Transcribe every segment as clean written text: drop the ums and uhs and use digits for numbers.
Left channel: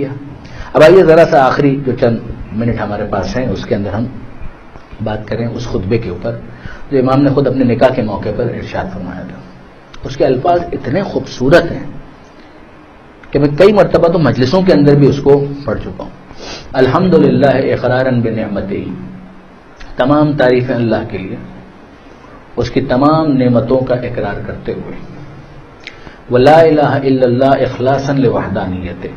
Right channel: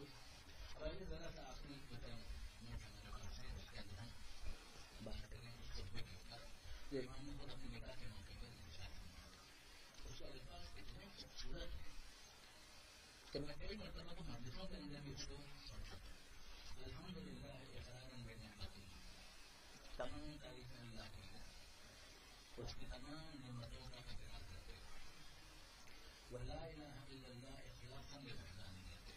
اب آئیے ذرا سا آخری جو چند منٹ ہمارے پاس ہیں اس کے اندر ہم بات کریں اس خطبے کے اوپر جو امام نے خود اپنے نکاح کے موقع پر ارشاد فرمایا تھا. اس کے الفاظ اتنے خوبصورت ہیں کہ میں کئی مرتبہ تو مجلسوں کے اندر بھی اس کو پڑھ چکا ہوں. الحمدللہ اقرارا بنعمتہ، تمام تعریفیں اللہ کے لیے اس کی تمام نعمتوں کا اقرار کرتے ہوئے. ولا الہ الا اللہ اخلاصا لوحدانیتہ،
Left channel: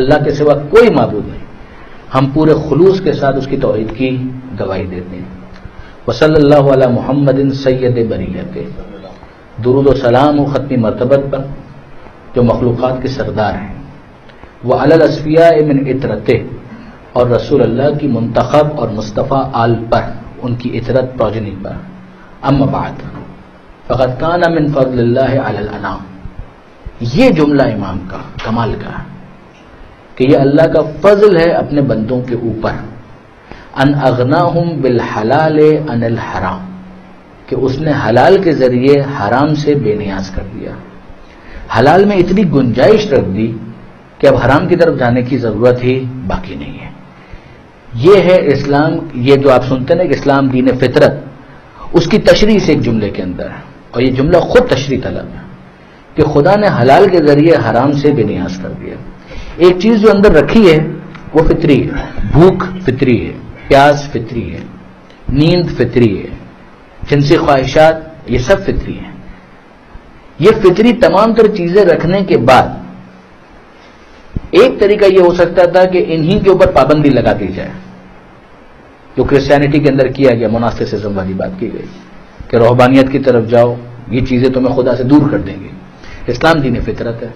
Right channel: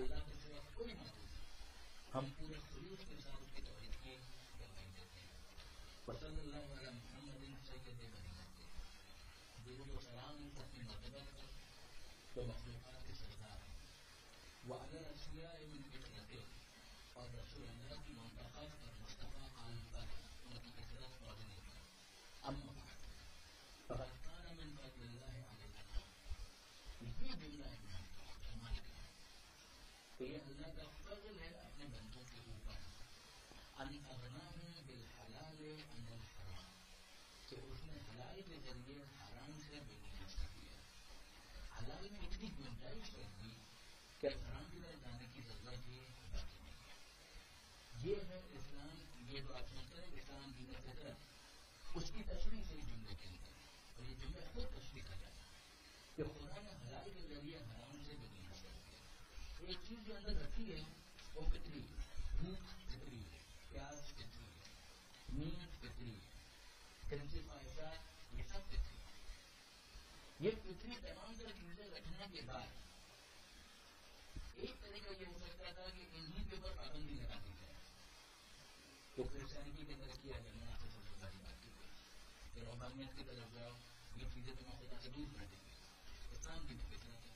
اللہ کے سوا کوئی معبود نہیں، ہم پورے خلوص کے ساتھ اس کی توحید کی گواہی دیتے ہیں. وصلی اللہ علی محمد سید بریت، درود و سلام و ختمی مرتبت پر جو مخلوقات کے سردار ہیں. وعلی الاصفیاء من عطرتہ، اور رسول اللہ کی منتخب اور مصطفیٰ آل پر، ان کی عطرت پروجنی پر. اما بعد فقد کان من فضل اللہ علی الانام، یہ جملہ امام کا کمال کا ہے کہ یہ اللہ کا فضل ہے اپنے بندوں کے اوپر. ان اغناہم بالحلال عن الحرام، کہ اس نے حلال کے ذریعے حرام سے بے نیاز کر دیا. حلال میں اتنی گنجائش رکھ دی کہ اب حرام کی طرف جانے کی ضرورت ہی باقی نہیں ہے. یہ ہے اسلام. یہ جو آپ سنتے ہیں کہ اسلام دین فطرت، اس کی تشریح سے ایک جملے کے اندر ہے، اور یہ جملہ خود تشریح طلب ہے کہ خدا نے حلال کے ذریعے حرام سے بے نیاز کر دیا. ایک چیز جو اندر رکھی ہے وہ فطری ہے. بھوک فطری ہے، پیاس فطری ہے، نیند فطری ہے، جنسی خواہشات، یہ سب فطری ہیں. یہ فطری تمام تر چیزیں رکھنے کے بعد ایک طریقہ یہ ہو سکتا تھا کہ انہی کے اوپر پابندی لگا دی جائے، جو کرسچینٹی کے اندر کیا گیا، مناسٹسزم والی بات کی گئی کہ روحانیت کی طرف جاؤ، یہ چیزیں تمہیں خدا سے دور کر دیں گی. اسلام دین فطرت ہے،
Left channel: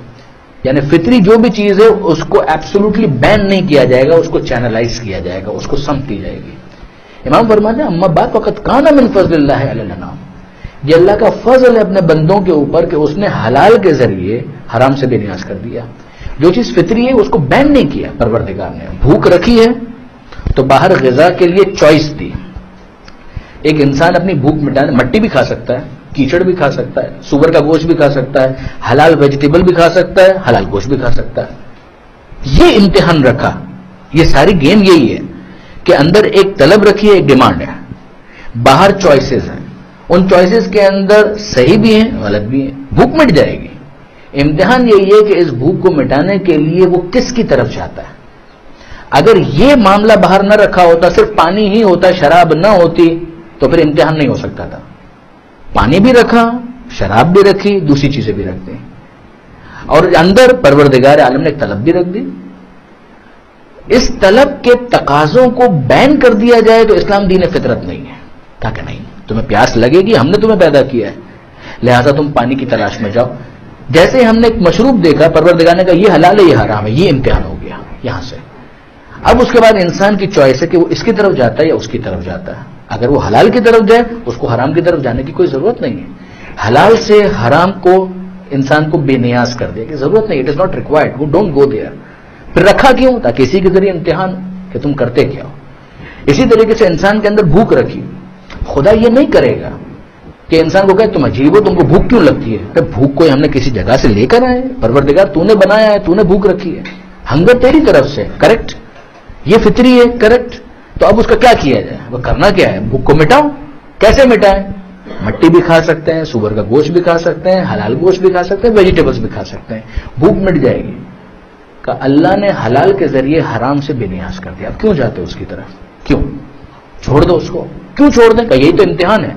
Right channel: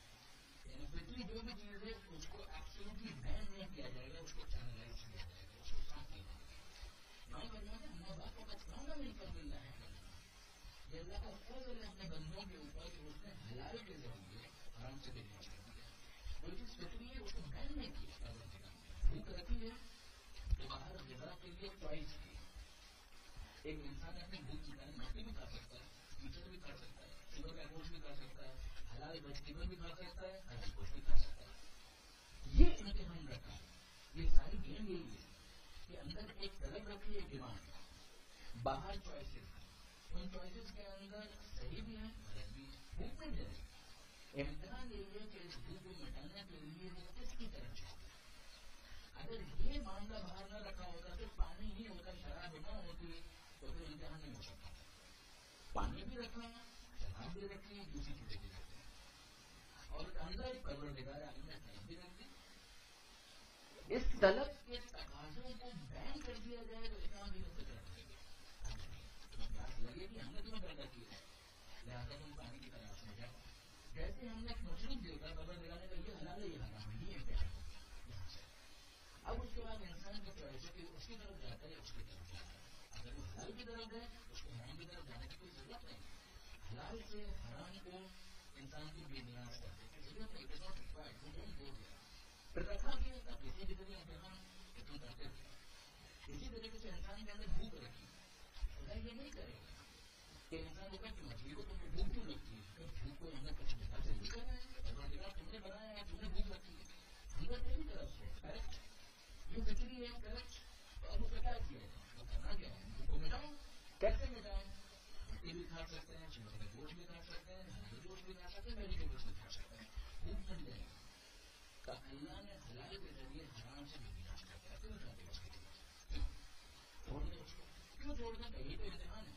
یعنی فطری جو بھی چیز ہے اس کو ایبسولوٹلی بین نہیں کیا جائے گا، اس کو چینلائز کیا جائے گا، اس کو سمت دی جائے گی. امام فرماتے ہیں اما بعد فقط کان من فضل اللہ علی الانام، یہ اللہ کا فضل ہے اپنے بندوں کے اوپر کہ اس نے حلال کے ذریعے حرام سے بے نیاز کر دیا. جو چیز فطری ہے اس کو بین نہیں کیا پروردگار نے. بھوک رکھی ہے تو باہر غذا کے لیے چوائس دی. ایک انسان اپنی بھوک مٹانے مٹی بھی کھا سکتا ہے، کیچڑ بھی کھا سکتا ہے، سور کا گوشت بھی کھا سکتا ہے، حلال ویجیٹیبل بھی کھا سکتا ہے، حلال گوشت بھی کھا سکتا ہے. یہ امتحان رکھا. یہ ساری گیم یہی ہے کہ اندر ایک طلب رکھی ہے، ایک ڈیمانڈ ہے، باہر چوائسز ہیں. ان چوائسز کے اندر صحیح بھی ہیں، غلط بھی ہیں. بھوک مٹ جائے گی. امتحان یہی ہے کہ اس بھوک کو مٹانے کے لیے وہ کس کی طرف جاتا ہے. اگر یہ معاملہ باہر نہ رکھا ہوتا، صرف پانی ہی ہوتا، شراب نہ ہوتی، تو پھر امتحان نہیں ہو سکتا تھا. پانی بھی رکھا، شراب بھی رکھی، دوسری چیزیں بھی رکھ دیں، اور اندر پروردگار عالم نے ایک طلب بھی رکھ دی. اس طلب کے تقاضوں کو بین کر دیا جائے تو اسلام دین فطرت نہیں ہے. کہا کہ نہیں، تمہیں پیاس لگے گی، ہم نے تمہیں پیدا کیا ہے، لہذا تم پانی کی تلاش میں جاؤ. جیسے ہم نے ایک مشروب دیکھا، پروردگار نے کہا یہ حلال ہے یہ حرام ہے، یہ امتحان ہو گیا یہاں سے. اب اس کے بعد انسان کی چوائس ہے کہ وہ اس کی طرف جاتا ہے یا اس کی طرف جاتا ہے. اگر وہ حلال کی طرف جائے اس کو حرام کی طرف جانے کی کوئی ضرورت نہیں ہے. حلال سے حرام کو انسان کو بے نیاز کر دے کہ ضرورت نہیں، اٹ از ناٹ ریکوائرڈ، وہ ڈونٹ گو دیئر. پھر رکھا کیوں؟ تاکہ اسی کے ذریعے امتحان کہ تم کرتے کیا ہو. اسی طریقے سے انسان کے اندر بھوک رکھی. خدا یہ نہیں کرے گا کہ انسان کو کہے تم عجیب ہو، تم کو بھوک کیوں لگتی ہے. ارے بھوک کوئی ہم نے کسی جگہ سے لے کر آئے؟ پروردگار تو نے بنایا ہے، تو نے بھوک رکھی ہے. ہنگر تیری طرف سے، کریکٹ. یہ فطری ہے، کریکٹ. تو اب اس کا کیا کیا جائے؟ وہ کرنا کیا ہے؟ بھوک کو مٹاؤ. کیسے مٹائیں؟ مٹی بھی کھا سکتے ہیں، سور کا گوشت بھی کھا سکتے ہیں، حلال گوشت بھی کھا سکتے ہیں، ویجیٹیبلز بھی کھا سکتے ہیں. بھوک مٹ جائے گی. کہ اللہ نے حلال کے ذریعے حرام سے بے نیاز کر دیا. اب کیوں جاتے اس کی طرف؟ کیوں؟ چھوڑ دو اس کو. کیوں چھوڑ دیں؟ کہ یہی تو امتحان ہے،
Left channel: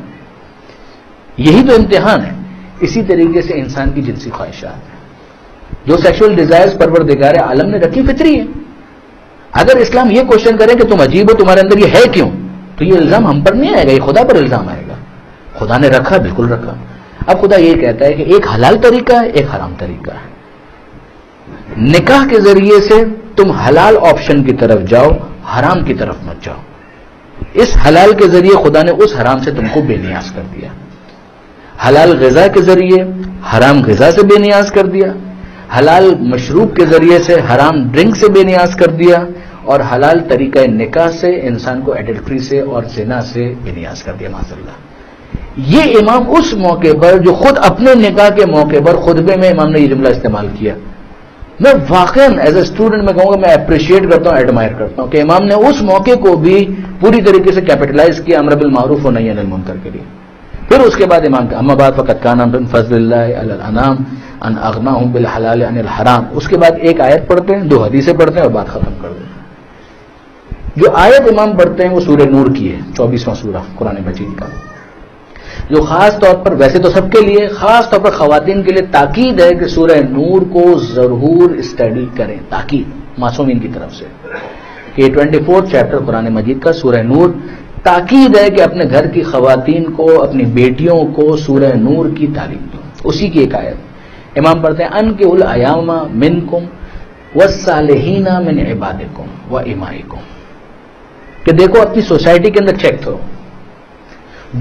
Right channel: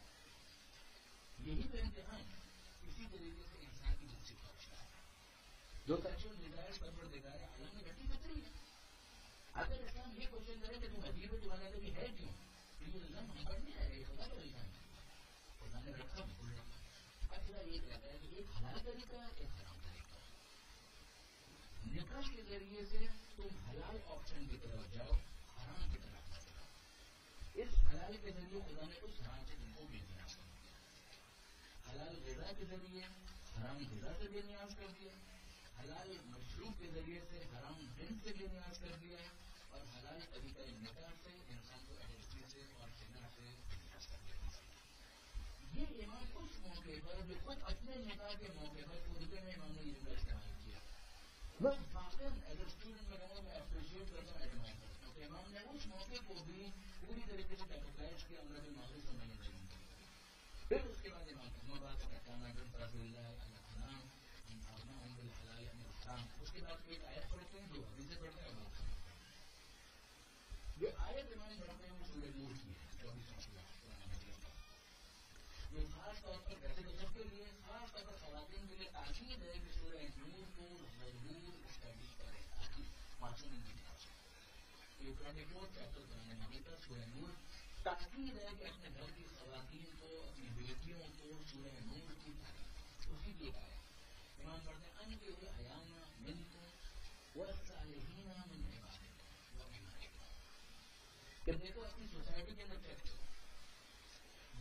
یہی تو امتحان ہے. اسی طریقے سے انسان کی جنسی خواہشات ہیں، جو سیکشول ڈیزائرز پروردگار عالم نے رکھی، فطری ہے. اگر اسلام یہ کوشچن کرے کہ تم عجیب ہو، تمہارے اندر یہ ہے کیوں، تو یہ الزام ہم پر نہیں آئے گا، یہ خدا پر الزام آئے گا. خدا نے رکھا، بالکل رکھا. اب خدا یہ کہتا ہے کہ ایک حلال طریقہ ہے، ایک حرام طریقہ ہے. نکاح کے ذریعے سے تم حلال آپشن کی طرف جاؤ، حرام کی طرف مت جاؤ. اس حلال کے ذریعے خدا نے اس حرام سے تم کو بے نیاز کر دیا. حلال غذا کے ذریعے حرام غذا سے بے نیاز کر دیا. حلال مشروب کے ذریعے سے حرام ڈرنک سے بے نیاز کر دیا. اور حلال طریقہ نکاح سے انسان کو ایڈلٹری سے اور زنا سے بے نیاز کر دیا. معاذ اللہ. یہ امام اس موقع پر جو خود اپنے نکاح کے موقع پر خطبے میں امام نے یہ جملہ استعمال کیا میں واقعاً ایز اے اسٹوڈنٹ میں کہوں گا میں اپریشیٹ کرتا ہوں، ایڈمائر کرتا ہوں کہ امام نے اس موقع کو بھی پوری طریقے سے کیپٹلائز کیا امر بالمعروف و نہی عن المنکر کے لیے. پھر اس کے بعد امام کا اما بعد فقد کان من فضل اللہ علی الانام ان اغناہم بالحلال عن الحرام. اس کے بعد ایک آیت پڑھتے ہیں، 2 حدیثیں پڑھتے ہیں اور بات ختم کر دیتے ہیں. جو آیت امام پڑھتے ہیں وہ سورہ نور کی ہے، 24واں سورہ قرآن مجید کا، جو خاص طور پر ویسے تو سب کے لیے، خاص طور پر خواتین کے لیے تاکید ہے کہ سورہ نور کو ضرور اسٹڈی کریں. تاکید معصومین کی طرف سے کہ 24 چیپٹر قرآن مجید کا سورہ نور، تاکید ہے کہ اپنے گھر کی خواتین کو، اپنی بیٹیوں کو سورہ نور کی تعلیم دو. اسی کی ایک آیت امام پڑھتے ہیں انکحوا الایام منکم والصالحین من عبادکم وامائکم، کہ دیکھو اپنی سوسائٹی کے اندر چیک کرو،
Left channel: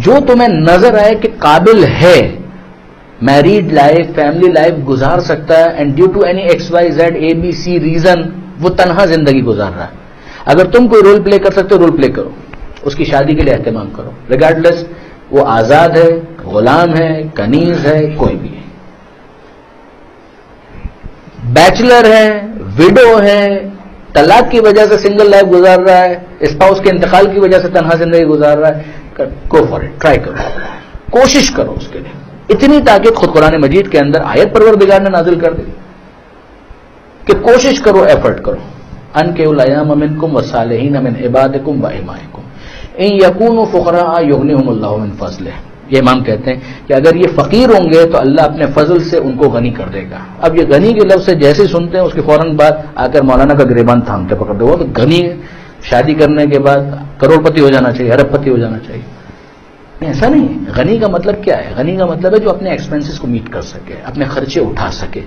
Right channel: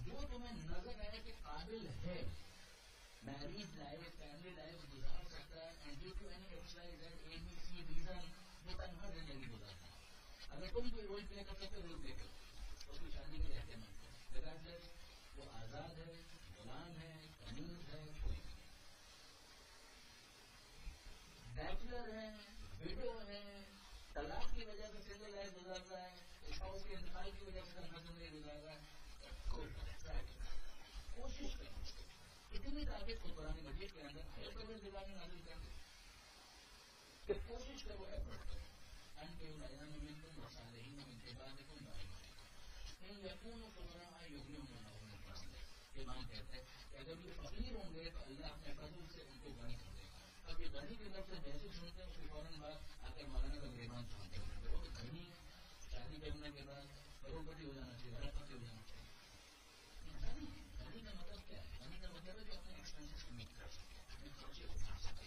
جو تمہیں نظر آئے کہ قابل ہے، میریڈ لائف، فیملی لائف گزار سکتا ہے، and due to any X Y Z A B C reason وہ تنہا زندگی گزار رہا ہے، اگر تم کوئی رول پلے کر سکتے ہو رول پلے کرو، اس کی شادی کے لیے اہتمام کرو، ریگارڈلیس وہ آزاد ہے، غلام ہے، کنیز ہے، کوئی بھی ہے، بیچلر ہے، ویڈو ہے، طلاق کی وجہ سے سنگل لائف گزار رہا ہے، اسپاؤس کے انتقال کی وجہ سے تنہا زندگی گزار رہا ہے، گو فار اٹ، ٹرائی کرو، کوشش کرو اس کے لیے. اتنی تاکید خود قرآن مجید کے اندر آیت پروردگار نے نازل کر دی کہ کوشش کرو، ایفرٹ کرو. انکحوا الایام منکم والصالحین من عبادکم وامائکم ان یکونوا فقراء یغنیہم اللہ من فضلہ. یہ امام کہتے ہیں کہ اگر یہ فقیر ہوں گے تو اللہ اپنے فضل سے ان کو غنی کر دے گا. اب یہ غنی کے لفظ سے جیسے سنتے ہیں اس کے فوراً بعد آ کر مولانا کا گریبان تھامتے پکڑتے، وہ تو غنی شادی کرنے کے بعد کروڑ پتی ہو جانا چاہیے، ارب پتی ہو جانا چاہیے. ایسا نہیں ہے. غنی کا مطلب کیا ہے؟ غنی کا مطلب ہے جو اپنے ایکسپینسز کو میٹ کر سکے، اپنے خرچے اٹھا سکے.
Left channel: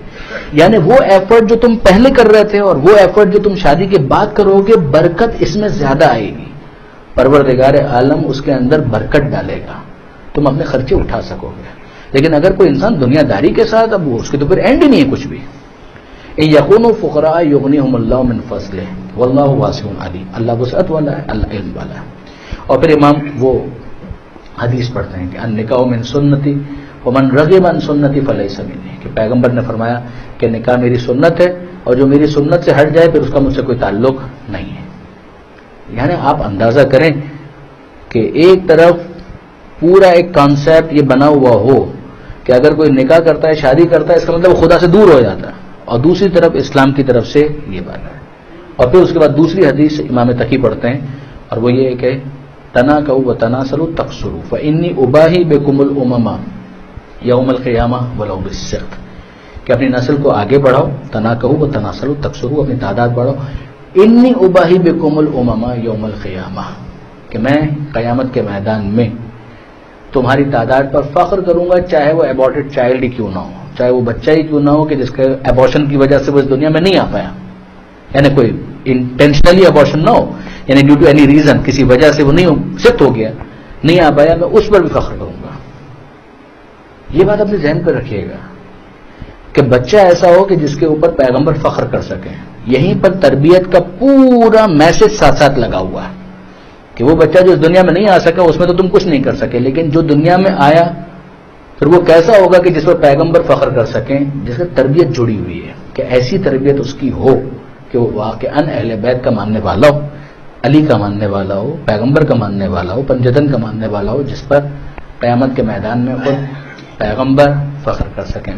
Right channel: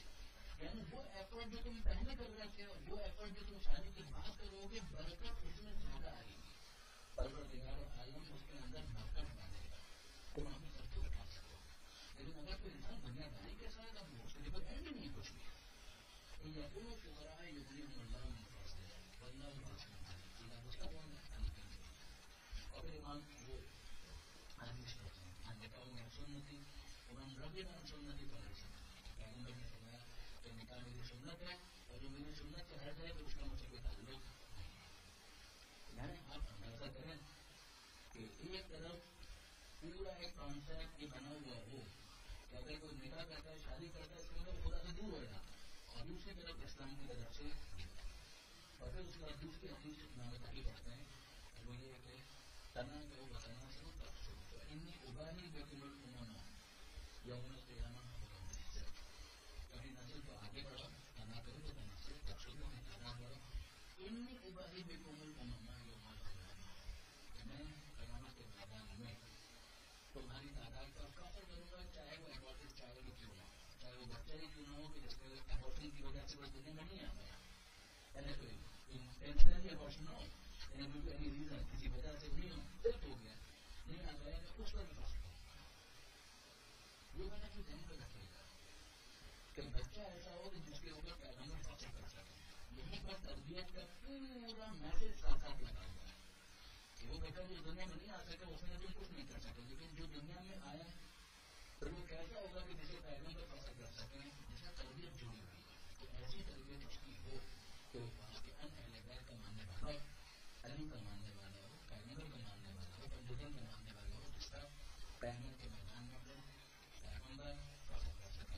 یعنی وہ ایفرٹ جو تم پہلے کر رہے تھے اور وہ ایفرٹ جو تم شادی کے بعد کرو گے، برکت اس میں زیادہ آئے گی. پروردگار عالم اس کے اندر برکت ڈالے گا، تم اپنے خرچے اٹھا سکو گے. لیکن اگر کوئی انسان دنیا داری کے ساتھ، اب اس کے تو پھر اینڈ ہی نہیں ہے کچھ بھی. ان یکونوا فقراء یغنیہم اللہ من فضلہ واللہ واسع علیم. اللہ وسعت والا ہے، اللہ علم والا ہے. اور پھر امام وہ حدیث پڑھتے ہیں کہ النکاح من سنتی ومن رغب عن سنتی فلیس منی، کہ پیغمبر نے فرمایا کہ نکاح میری سنت ہے اور جو میری سنت سے ہٹ جائے پھر اس کا مجھ سے کوئی تعلق نہیں ہے. یعنی آپ اندازہ کریں کہ ایک طرف پورا ایک کانسیپٹ یہ بنا ہوا ہو کہ اگر کوئی نکاح کرتا ہے، شادی کرتا ہے، اس کا مطلب خدا سے دور ہو جاتا ہے، اور دوسری طرف اسلام کی طرف سے یہ بات ہے. اور پھر اس کے بعد دوسری حدیث امام تقی پڑھتے ہیں اور وہ یہ ہے کہ تناکحوا وتناسلوا تکثروا فانی اباہی بکم الامم یوم القیامہ ولو بالسقط، کہ اپنی نسل کو آگے بڑھاؤ، تناکحوا وتناسلوا تکثروا، اپنی تعداد بڑھاؤ. انی اباہی بکم الامم یوم القیامہ، کہ میں قیامت کے میدان میں تمہاری تعداد پر فخر کروں گا، چاہے وہ ایبارٹڈ چائلڈ ہی کیوں نہ ہو، چاہے وہ بچہ ہی کیوں نہ ہو کہ جس کے ایبارشن کی وجہ سے وہ اس دنیا میں نہیں آ پایا، یعنی کوئی انٹینشنلی ایبارشن نہ ہو، یعنی ڈیو ٹو اینی ریزن، کسی وجہ سے وہ نہیں شفٹ ہو گیا، نہیں آ پایا، میں اس پر بھی فخر کروں گا. یہ بات اپنے ذہن پہ رکھیے گا کہ بچہ ایسا ہو کہ جس کے اوپر پیغمبر فخر کر سکیں. یہیں پر تربیت کا پورا میسج ساتھ ساتھ لگا ہوا ہے کہ وہ بچہ جو اس دنیا میں نہیں آ سکا اس میں تو تم کچھ نہیں کر سکے، لیکن جو دنیا میں آیا پھر وہ کیسا ہوگا کہ جس پر پیغمبر فخر کر سکیں، جس سے تربیت جڑی ہوئی ہے، کہ ایسی تربیت اس کی ہو کہ وہ واقعاً اہل بیت کا ماننے والا ہو، علی کا ماننے والا ہو، پیغمبر کا ماننے والا ہو، پنجتن کا ماننے والا ہو، جس پر قیامت کے میدان میں خود پیغمبر فخر کر سکیں.